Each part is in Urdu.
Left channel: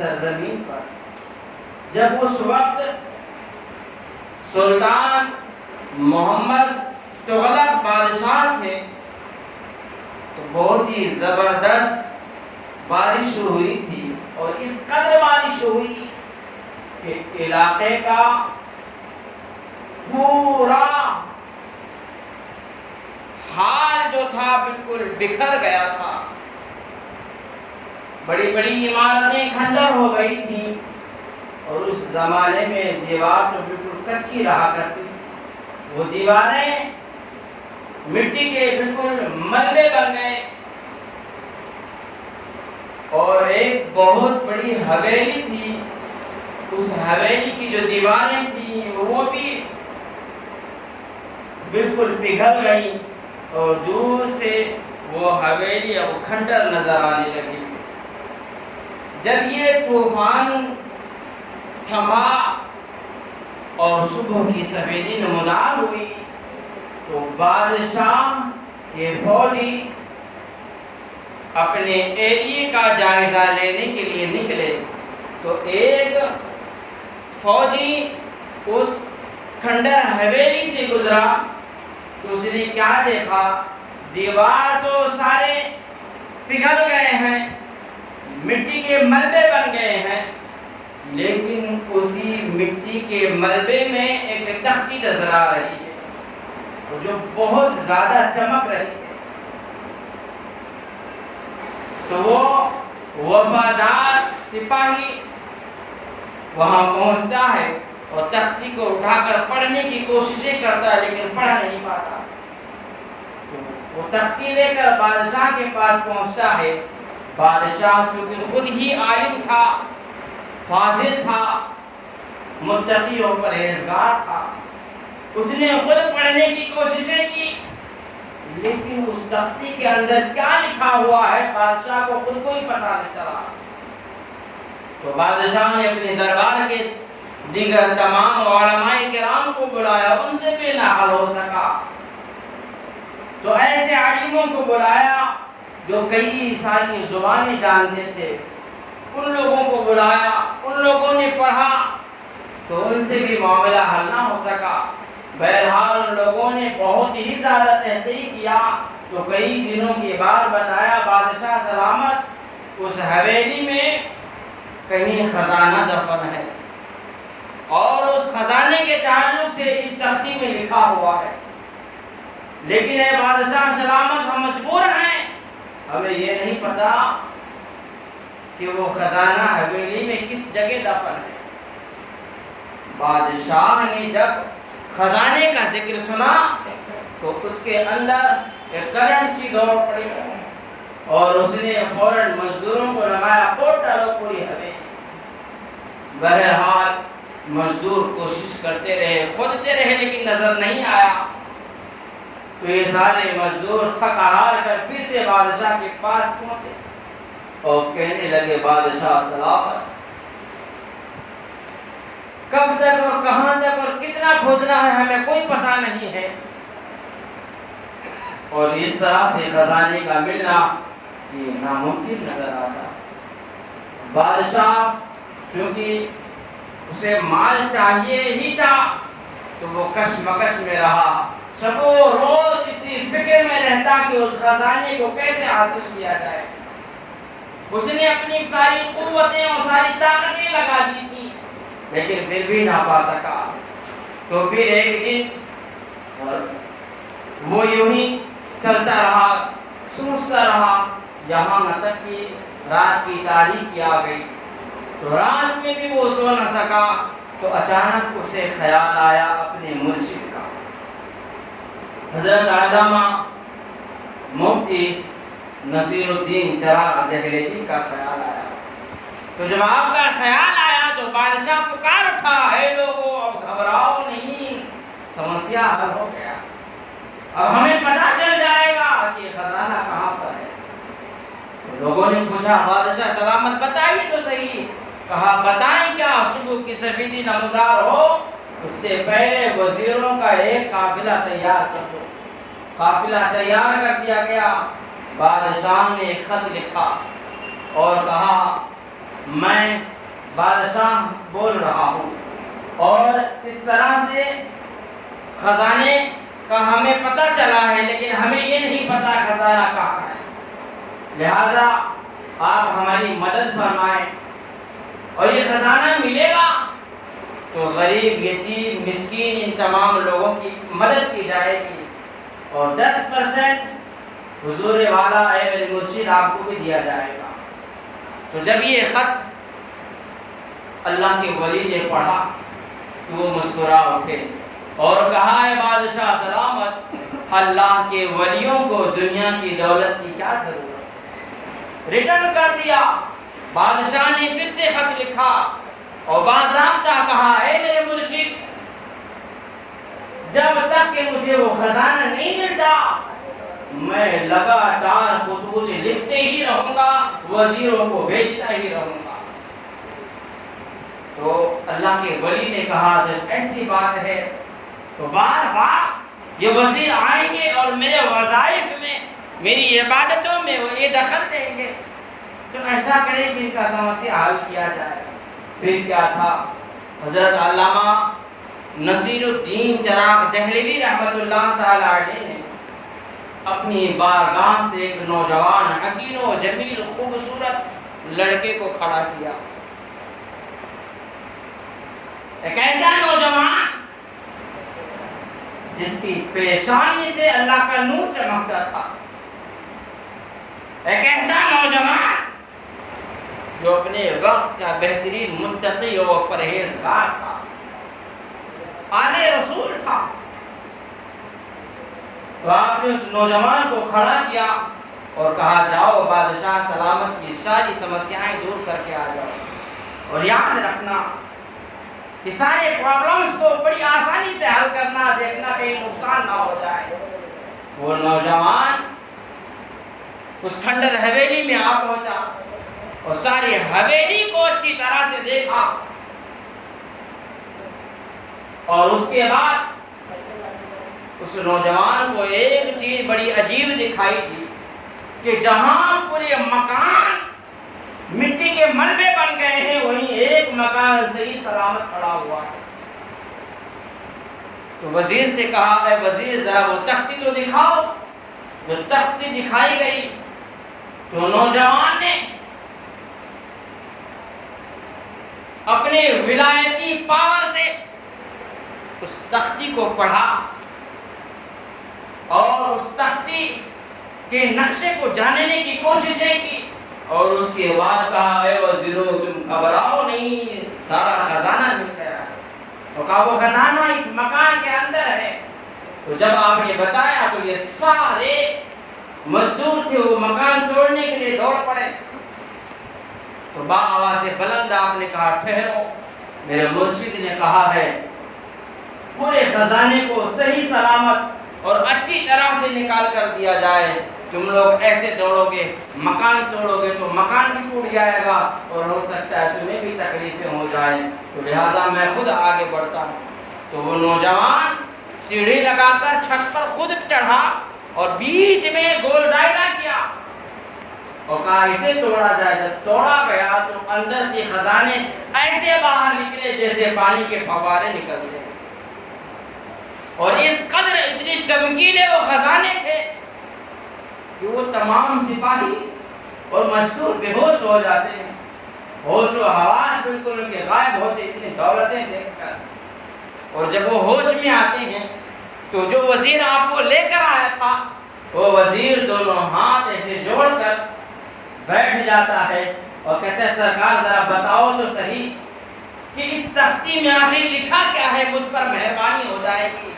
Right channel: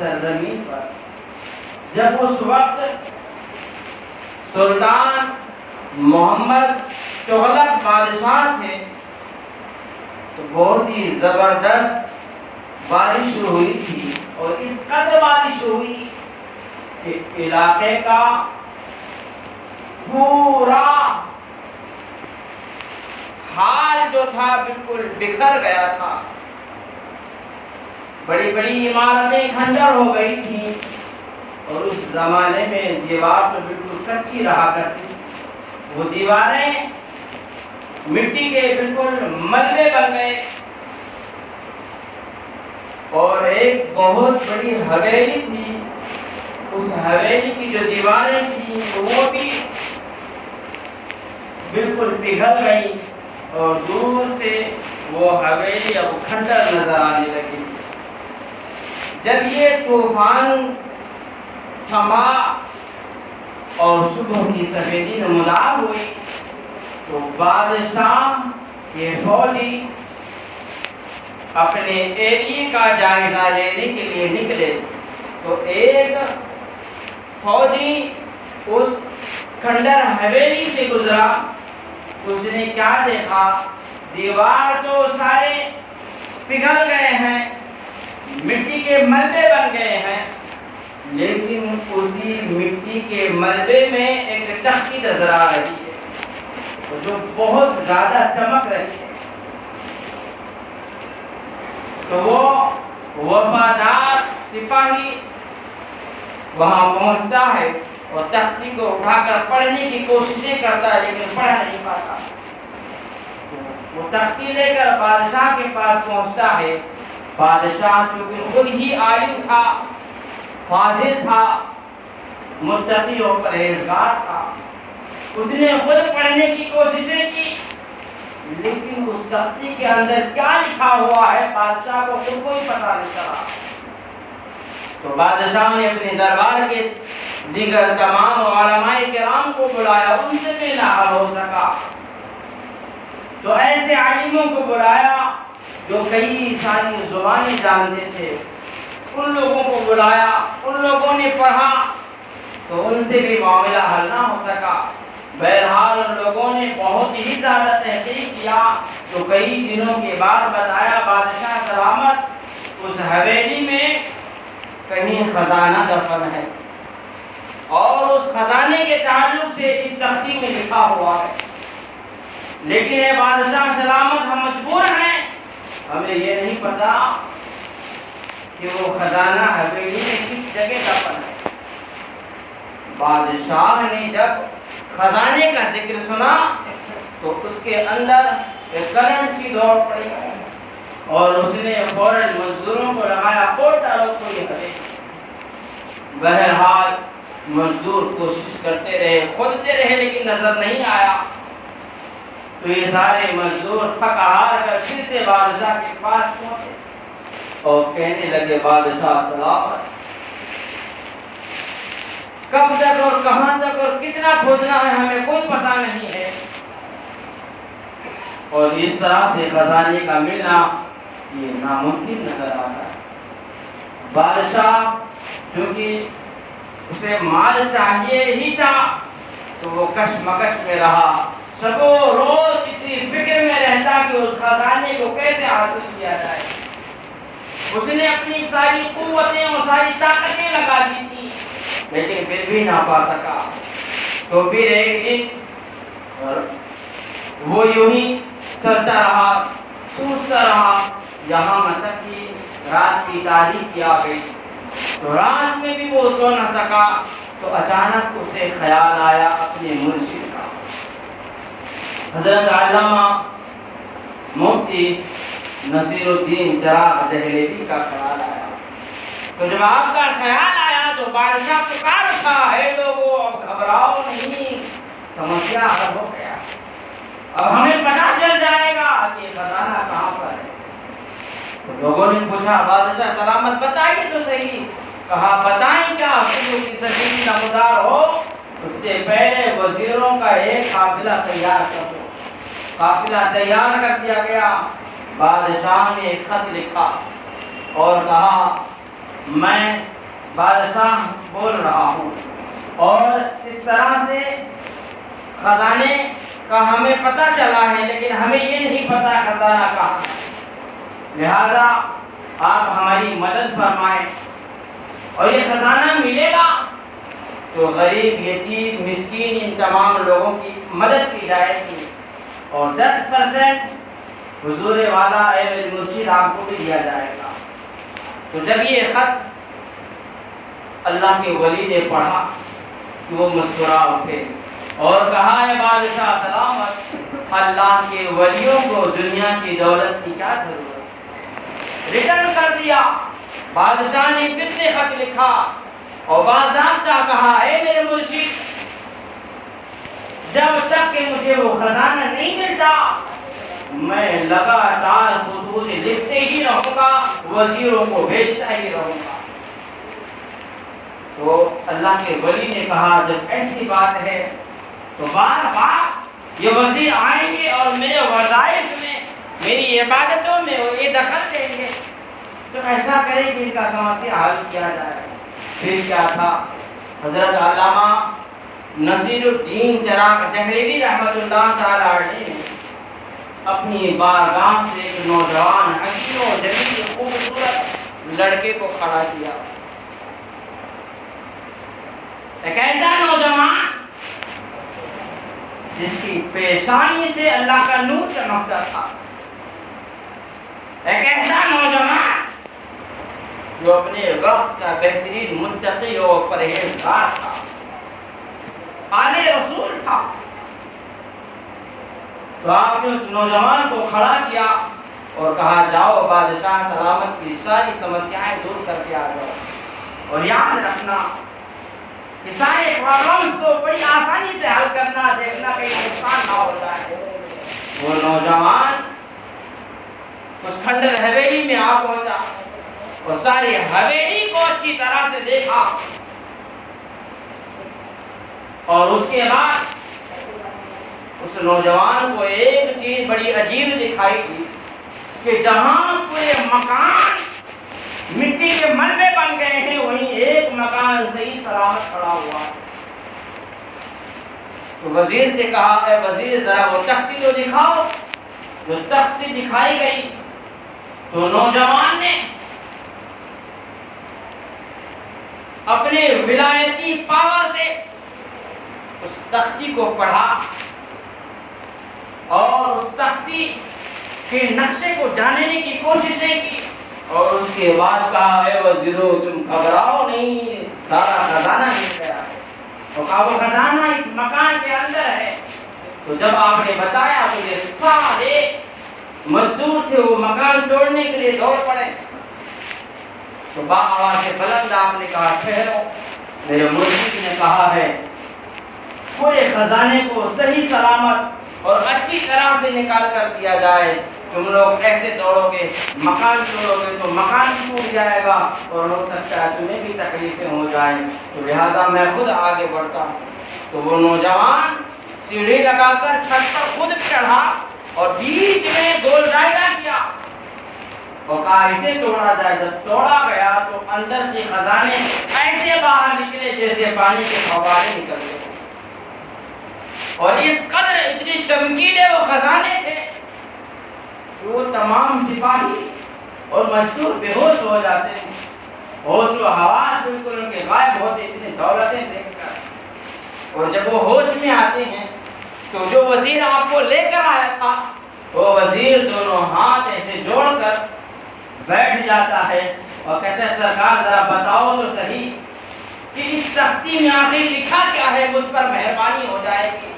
سرزمین پر جب اس وقت سلطان محمد تغلق بادشاہ تھے تو بہت ہی زبردست بارش ہوئی تھی، اور اس قدر بارش ہوئی کہ علاقے کا پورا حال جو تھا بالکل بکھر گیا تھا۔ بڑی بڑی عمارتیں کھنڈر ہو گئی تھیں، اور اس زمانے میں دیوار تو بالکل کچی رہا کرتی، وہ دیواریں مٹی کے بالکل ملبے بن گئے، اور ایک بہت بڑی حویلی تھی، اس حویلی کی جو دیواریں تھیں وہ بھی بالکل پگھل گئی، اور دور سے وہ حویلی اب کھنڈر نظر آنے لگی۔ جب یہ طوفان تھما اور صبح کی سفیدی نمودار ہوئی تو بادشاہ کے فوجی اپنے ایریے کا جائزہ لینے کے لیے نکلے تو ایک فوجی اس کھنڈر حویلی سے گزرا، اس نے کیا دیکھا؟ دیوار تو سارے پگھل گئے ہیں، مٹی کے ملبے بن گئے ہیں، لیکن اسی مٹی کے ملبے میں ایک تختی نظر آ رہی ہے جو بہت زیادہ چمک رہی ہے۔ تو وہ وفادار سپاہی وہاں پہنچتا ہے اور تختی کو اٹھا کر پڑھنے کی کوششیں کرتا ہے، لیکن پڑھ نہیں پاتا۔ وہ تختی لے کر بادشاہ کے پاس پہنچتا ہے۔ بادشاہ چونکہ خود ہی عالم تھا، فاضل تھا، متقی اور پرہیزگار تھا، اس نے خود پڑھنے کی کوششیں کی، لیکن اس تختی کے اندر کیا لکھا ہوا ہے بادشاہ کو خود کو ہی پتہ نہیں چلا۔ تو بادشاہ نے اپنے دربار کے دیگر تمام علماء کرام کو بلایا، ان سے بھی نہ حل ہو سکا تو ایسے عالموں کو بلایا جو کئی ساری زبانیں جانتے تھے، ان لوگوں کو بلایا، ان لوگوں نے پڑھا تو ان سے بھی معاملہ حل نہ ہو سکا۔ بہرحال ان لوگوں نے بہت ہی زیادہ تحقیق کیا تو کئی دنوں کے بعد بتایا بادشاہ سلامت اس حویلی میں کہیں خزانہ دفن ہے، اور اس خزانے کے تعلق سے اس تختی میں لکھا ہوا ہے، لیکن اے بادشاہ سلامت ہم مجبور ہیں، ہمیں یہ نہیں پتا کہ وہ خزانہ حویلی میں کس جگہ دفن ہے۔ بادشاہ نے جب خزانے کا ذکر سنا تو اس کے اندر ایک کرنٹ سی دوڑ پڑی اور اس نے فوراً مزدوروں کو لگایا، کوٹ ڈالو کوئی حویلی۔ بہرحال مزدور کوشش کرتے رہے، کھودتے رہے، لیکن نظر نہیں آیا۔ تو یہ سارے مزدور تھک ہار کر پھر سے بادشاہ کے پاس پہنچے اور کہنے لگے بادشاہ سلامت، کب تک اور کہاں تک اور کتنا کھودنا ہے ہمیں کوئی پتہ نہیں ہے، اور اس طرح سے خزانے کا ملنا یہ ناممکن نظر آتا ہے۔ بادشاہ چونکہ اسے مال چاہیے ہی تھا تو وہ کشمکش میں رہا، سبو روز اسی فکر میں رہتا کہ اس خزانے کو کیسے حاصل کیا جائے۔ اس نے اپنی ساری قوتیں اور ساری طاقتیں لگا دی تھی، لیکن پھر بھی نہ پا سکا۔ تو پھر ایک دن وہ یوں ہی چلتا رہا، سوچتا رہا، یہاں تک کہ رات کی تاریکی آ گئی۔ تو رات میں بھی وہ سو نہ سکا تو اچانک اسے خیال آیا اپنے مرشد کا، حضرت علامہ مفتی نصیر الدین چراغ دہلوی کا خیال آیا۔ تو جب آپ کا خیال آیا تو بادشاہ پکار اٹھا، ہے لوگوں اب گھبراؤ نہیں، سمسیا حل ہو گیا، اب ہمیں پتہ چل جائے گا کہ خزانہ کہاں پر ہے۔ تو لوگوں نے پوچھا بادشاہ سلامت بتائیے تو صحیح۔ کہا بتائیں کیا؟ صبح کی سفیدی نمودار ہو اس سے پہلے وزیروں کا ایک قافلہ تیار کر دو۔ قافلہ تیار کر دیا گیا۔ بادشاہ نے ایک خط لکھا اور کہا میں بادشاہ بول رہا ہوں، اور اس طرح سے خزانے کا ہمیں پتہ چلا ہے، لیکن ہمیں یہ نہیں پتہ خزانہ کہاں ہے۔ لہذا آپ ہماری مدد فرمائیں، اور یہ خزانہ ملے گا تو غریب، یتیم، مسکین، ان تمام لوگوں کی مدد کی جائے گی، اور 10% حضور والا اے میرے مرشد آپ کو بھی دیا جائے گا۔ تو جب یہ خط اللہ کے ولی نے پڑھا تو وہ مسکرا اٹھے اور کہا، اے بادشاہ سلامت، اللہ کے ولیوں کو دنیا کی دولت کی کیا ضرورت۔ ریٹرن کر دیا۔ بادشاہ نے پھر سے خط لکھا اور باضابطہ کہا، اے میرے مرشد، جب تک کہ مجھے وہ خزانہ نہیں ملتا میں لگاتار خطوط لکھتے ہی رہوں گا، وزیروں کو بھیجتا ہی رہوں گا۔ تو اللہ کے ولی نے کہا، جب ایسی بات ہے تو بار بار یہ وزیر آئیں گے اور میرے وظائف میں، میری عبادتوں میں وہ یہ دخل دیں گے، تو ایسا کرے کہ ان کا سمسیا حل کیا جائے۔ پھر کیا تھا، حضرت علامہ نصیر الدین چراغ دہلوی رحمۃ اللہ تعالی علیہ نے اپنی بارگاہ سے ایک نوجوان حسین و جمیل خوبصورت لڑکے کو کھڑا کیا۔ ایک ایسا نوجوان جس کی پیشانی سے اللہ کا نور چمکتا تھا، ایک ایسا نوجوان جو اپنے وقت کا بہترین متقی اور پرہیزگار تھا، آل رسول تھا۔ تو آپ نے اس نوجوان کو کھڑا کیا اور کہا، جاؤ بادشاہ سلامت کی ساری سمسیایں دور کر کے آ جاؤ، اور یاد رکھنا کہ سارے پرابلمز کو بڑی آسانی سے حل کرنا، دیکھنا کہیں نقصان نہ ہو جائے۔ وہ نوجوان اس کھنڈر حویلی میں آ پہنچا اور ساری حویلی کو اچھی طرح سے دیکھا، اور اس کے بعد اس نوجوان کو ایک چیز بڑی عجیب دکھائی دی کہ جہاں پورے مکان مٹی کے ملبے بن گئے ہیں، وہیں ایک مکان صحیح سلامت کھڑا ہوا۔ تو وزیر سے کہا، اے وزیر ذرا وہ تختی تو دکھاؤ۔ جو تختی دکھائی گئی تو نوجوان نے اپنے ولایتی پاور سے اس تختی کو پڑھا اور اس تختی کے نقشے کو جاننے کی کوششیں کی، اور اس کے بعد کہا، اے وزیرو تم گھبراؤ نہیں، سارا خزانہ نکل آیا ہے، اور کہا وہ خزانہ اس مکان کے اندر ہے۔ تو جب آپ نے بتایا تو یہ سارے مزدور تھے، وہ مکان توڑنے کے لیے دوڑ پڑے۔ تو آواز بلند آپ نے کہا، ٹھہرو، میرے مرشد نے کہا ہے پورے خزانے کو صحیح سلامت اور اچھی طرح سے نکال کر دیا جائے۔ تم لوگ ایسے دوڑو گے، مکان توڑو گے تو مکان بھی ٹوٹ جائے گا، اور ہو سکتا ہے تمہیں بھی تکلیفیں ہو جائیں، تو لہٰذا میں خود آگے بڑھتا ہوں۔ تو وہ نوجوان سیڑھی لگا کر چھت پر خود چڑھا اور بیچ میں گول دائرہ کیا اور کہا اسے توڑا جائے۔ جب توڑا گیا تو اندر سے خزانے ایسے باہر نکلے جیسے پانی کے فوارے نکلتے ہیں، اور اس قدر اتنے چمکیلے وہ خزانے تھے کہ وہ تمام سپاہی اور مجدور بے ہوش ہو جاتے ہیں، ہوش و حواس بالکل ان کے غائب ہوتے، اتنی دولتیں دیکھ کر۔ اور جب وہ ہوش میں آتے ہیں تو جو وزیر آپ کو لے کر آیا تھا، وہ وزیر دونوں ہاتھ ایسے جوڑ کر بیٹھ جاتا ہے اور کہتے ہیں، سرکار ذرا بتاؤ تو صحیح کہ اس تختی میں آخر لکھا کیا ہے، مجھ پر مہربانی ہو جائے گی۔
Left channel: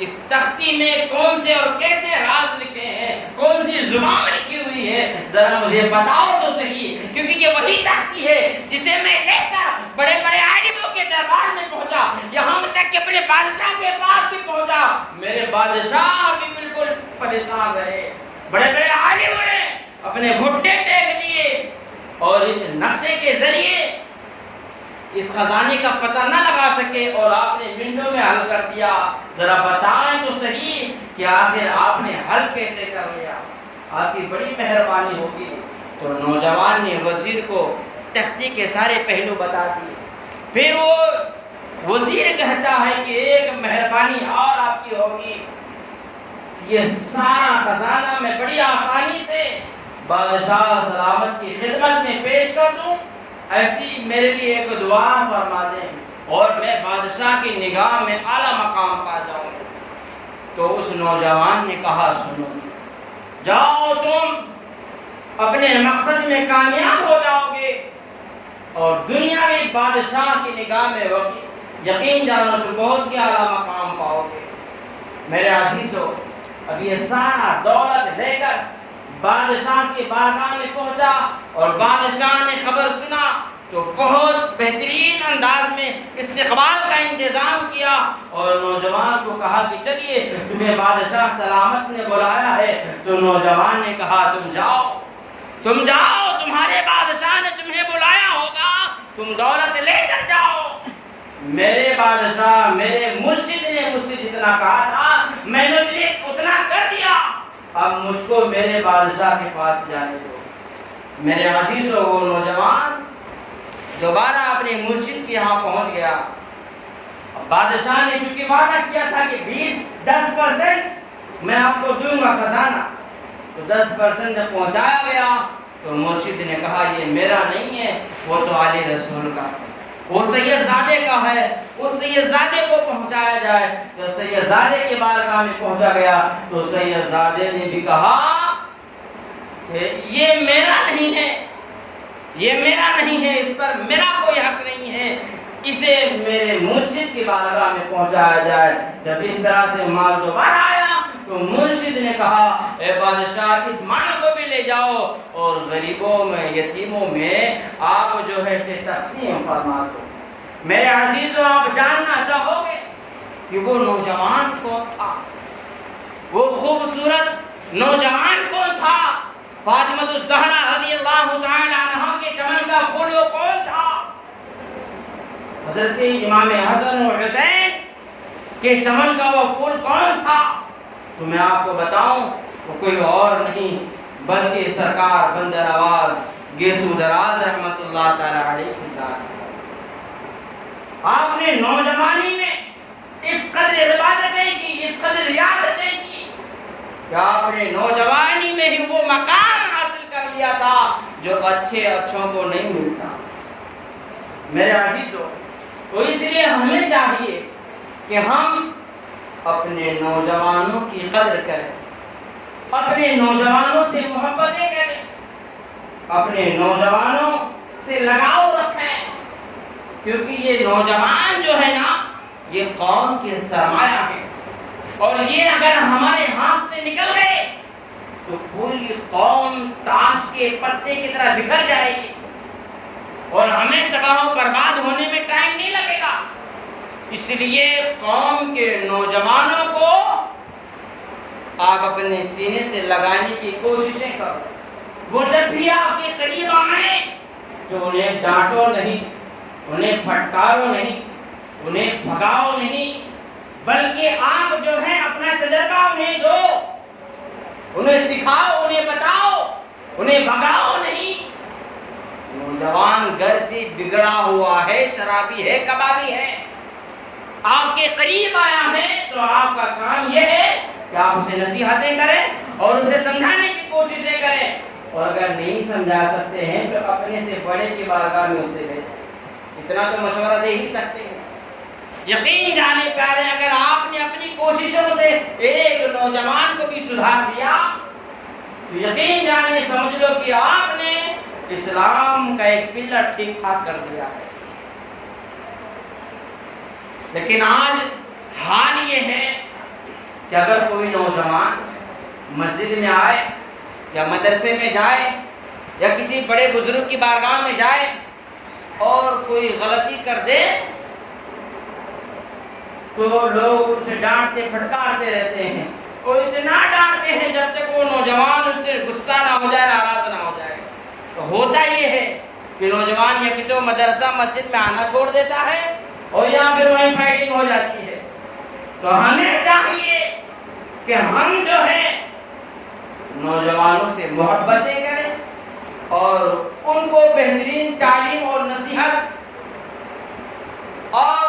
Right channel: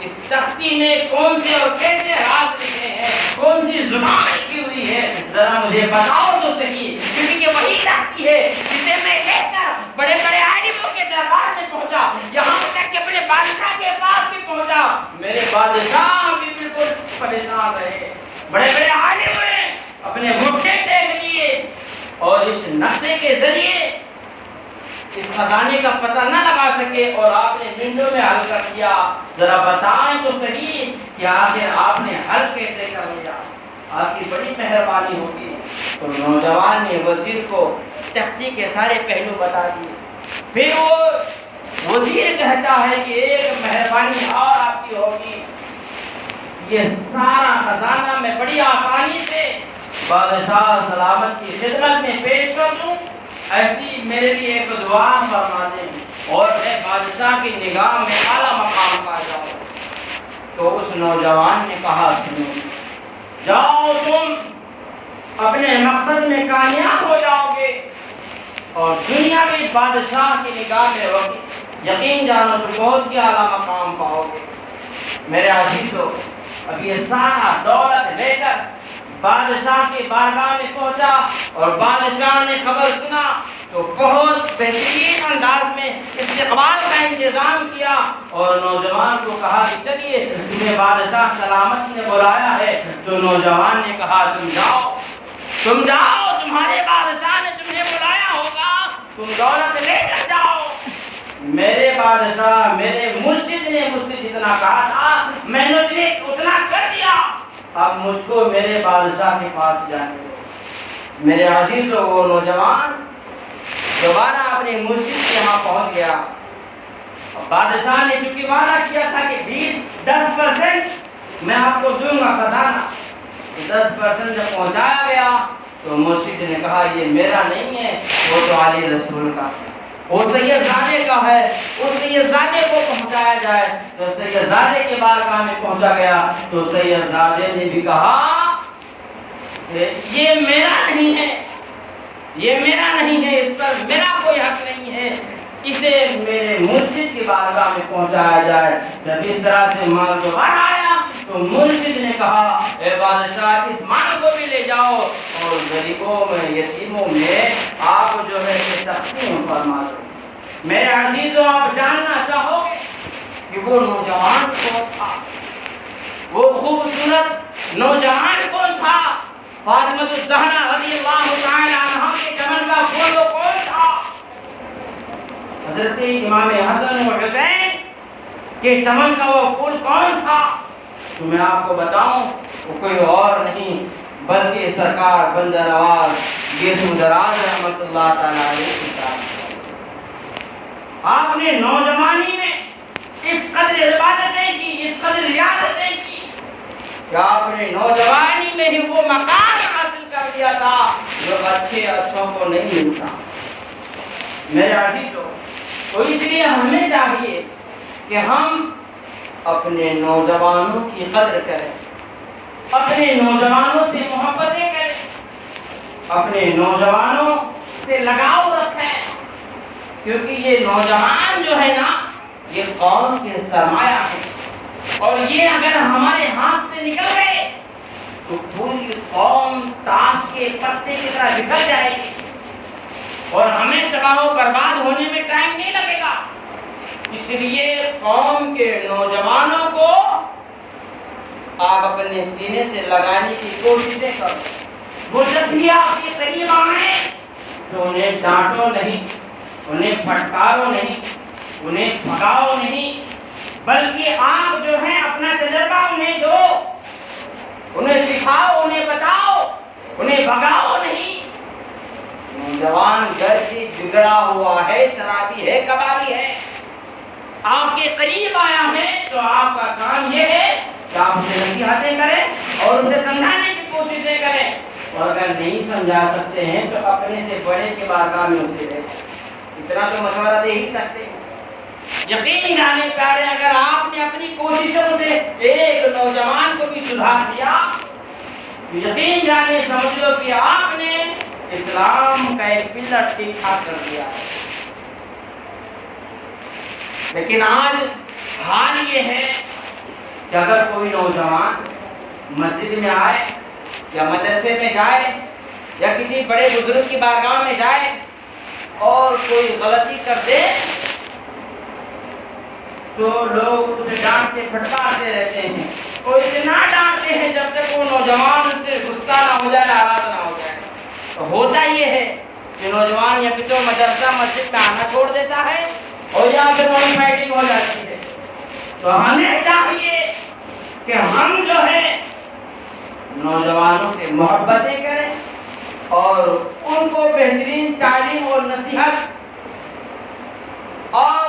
اس تختی میں کون سے اور کیسے راز لکھے ہیں، کون سی زبان لکھی ہوئی ہے، ذرا مجھے بتاؤ تو صحیح، کیونکہ یہ وہی تختی ہے جسے میں لے کر بڑے بڑے عالموں کے دربار میں پہنچا، یہاں تک کہ بڑے بادشاہ کے پاس بھی پہنچا۔ میرے بادشاہ بھی بالکل پریشان رہے، بڑے بڑے عالم نے اپنے گھٹنے ٹیک دیے، اور اس نقشے کے ذریعے اس خزانے کا پتہ نہ لگا سکے، اور آپ نے منٹوں میں حل کر دیا۔ ذرا بتائیں تو صحیح کہ آخر آپ نے حل کیسے کر لیا، آپ کی بڑی مہربانی ہوگی۔ تو نوجوان نے وزیر کو تختی کے سارے پہلو بتا دیے. پھر وہ وزیر کہتا ہے کہ ایک مہربانی اور آپ کی ہوگی، یہ سارا خزانہ میں بڑی آسانی سے بادشاہ سلامت کی خدمت میں پیش کر دوں، ایسی میرے لیے ایک دعا فرما دیں اور میں بادشاہ کی نگاہ میں اعلیٰ مقام پا جاؤں. تو اس نوجوان نے کہا سنو، جاؤ تم اپنے مقصد میں کامیاب ہو جاؤ گے اور دنیاوی بادشاہ کی نگاہ میں ہوگی، یقین جانو تو بہت ہی اعلیٰ مقام پاؤ گے. میرے عزیزو، اب یہ سارا دولت لے کر بادشاہ کی بارگاہ میں پہنچا اور بادشاہ نے خبر سنا تو بہت بہترین انداز میں استقبال کا انتظام کیا اور نوجوان کو کہا کہ چلیے تمہیں بادشاہ سلامت نے بلایا ہے. تو نوجوان نے کہا تم جاؤ تمہارے بادشاہ نے تمہیں بلایا ہوگا، تم دولت لے کر جاؤ. میرے بادشاہ میرے مرشد نے مجھ سے جتنا کہا تھا میں نے اتنا کر دیا، اب مجھ کو میرے بادشاہ کے پاس جانے دو. میرے عزیزو، وہ نوجوان دوبارہ اپنے مرشد کے یہاں پہنچ گیا. بادشاہ نے چونکہ وعدہ کیا تھا کہ 10% میں آپ کو دوں گا خزانہ، تو 10% جب پہنچایا گیا تو مرشد نے کہا یہ میرا نہیں ہے، وہ تو علی رسول کا ہے، وہ سید زادے کا ہے، اس سید زادے کو پہنچایا جائے. جب سید زادے کے بارگاہ میں پہنچا گیا تو سید زادے نے بھی کہا کہ یہ میرا نہیں ہے، یہ میرا نہیں ہے، اس پر میرا کوئی حق نہیں ہے، اسے میرے مرشد کی بارگاہ میں پہنچایا جائے. جب اس طرح سے مال دوبارہ آیا تو مرشد نے کہا اے بادشاہ اس مال کو بھی لے جاؤ اور غریبوں میں یتیموں میں آپ جو ہے کہ تقسیم فرما دو. میرے عزیزوں، آپ جاننا چاہو گے کہ وہ نوجوان کون تھا، وہ خوبصورت نوجوان کون تھا، فاطمہ الزہرا رضی اللہ تعالی عنہا کے چمن کا پھول وہ کون تھا؟ حضرت امام حسن و حسین کے چمن کا وہ پھول کون تھا؟ تو میں آپ کو بتاؤں وہ کوئی اور نہیں بلکہ سرکار بندہ نواز یسوع دراز رحمت اللہ تعالی علیہ کی ذات. آپ نے نوجوانی میں اس قدر عبادتیں کی، اس قدر ریاضتیں کی کہ آپ نے نوجوانی میں ہی وہ مقام حاصل کر لیا تھا جو اچھوں کو نہیں ملتا. میرے عزیزو، تو اس لیے ہمیں چاہیے کہ ہم اپنے نوجوانوں کی قدر کریں، اپنے نوجوانوں سے محبتیں کریں، اپنے نوجوانوں سے لگاؤ رکھیں، کیونکہ یہ نوجوان جو ہے نا یہ قوم کے سرمایہ ہے اور یہ اگر ہمارے ہاتھ سے نکل گئے تو پوری قوم تاش کے پتے کی طرح بکھر جائے گی اور ہمیں تباہ و برباد ہونے میں ٹائم نہیں لگے گا. اس لیے قوم کے نوجوانوں کو آپ اپنے سینے سے لگانے کی کوششیں کرو. وہ جب بھی آپ کے قریب آئیں تو انہیں ڈانٹو نہیں، انہیں پھٹکارو نہیں، انہیں بھگاؤ نہیں، بلکہ آپ جو ہے اپنا تجربہ انہیں دو، انہیں سکھاؤ، انہیں بتاؤ، انہیں بھگاؤ نہیں. نوجوان گرچہ بگڑا ہوا ہے، شرابی ہے، کبابی ہے، آپ کے قریب آیا ہے تو آپ کا کام یہ ہے کہ آپ اسے نصیحتیں کریں اور اسے سمجھانے کی کوششیں کریں، اور اگر نہیں سمجھا سکتے ہیں تو اپنے سے بڑے کے بارگاہ میں اسے لے جائیں. اتنا تو مشورہ دے ہی سکتے ہیں. یقین جانے پیارے، اگر آپ نے اپنی کوششوں سے ایک نوجوان کو بھی سدھار دیا تو یقین جانے سمجھ لو کہ آپ نے اسلام کا ایک پلر ٹھیک ٹھاک کر دیا. لیکن آج حال یہ ہے کہ اگر کوئی نوجوان مسجد میں آئے یا مدرسے میں جائے یا کسی بڑے بزرگ کی بارگاہ میں جائے اور کوئی غلطی کر دے تو لوگ اسے ڈانٹتے پھٹکارتے رہتے ہیں، اور اتنا ڈانٹتے ہیں جب تک وہ نوجوان ان سے غصہ نہ ہو جائے، ناراض نہ ہو جائے. تو ہوتا یہ ہے کہ نوجوان یا تو مدرسہ مسجد میں آنا چھوڑ دیتا ہے اور یا پھر وہیں فائٹنگ ہو جاتی ہے. تو ہمیں چاہیے کہ ہم جو ہے نوجوانوں سے محبتیں کریں، اور ان کو بہترین تعلیم اور نصیحت اور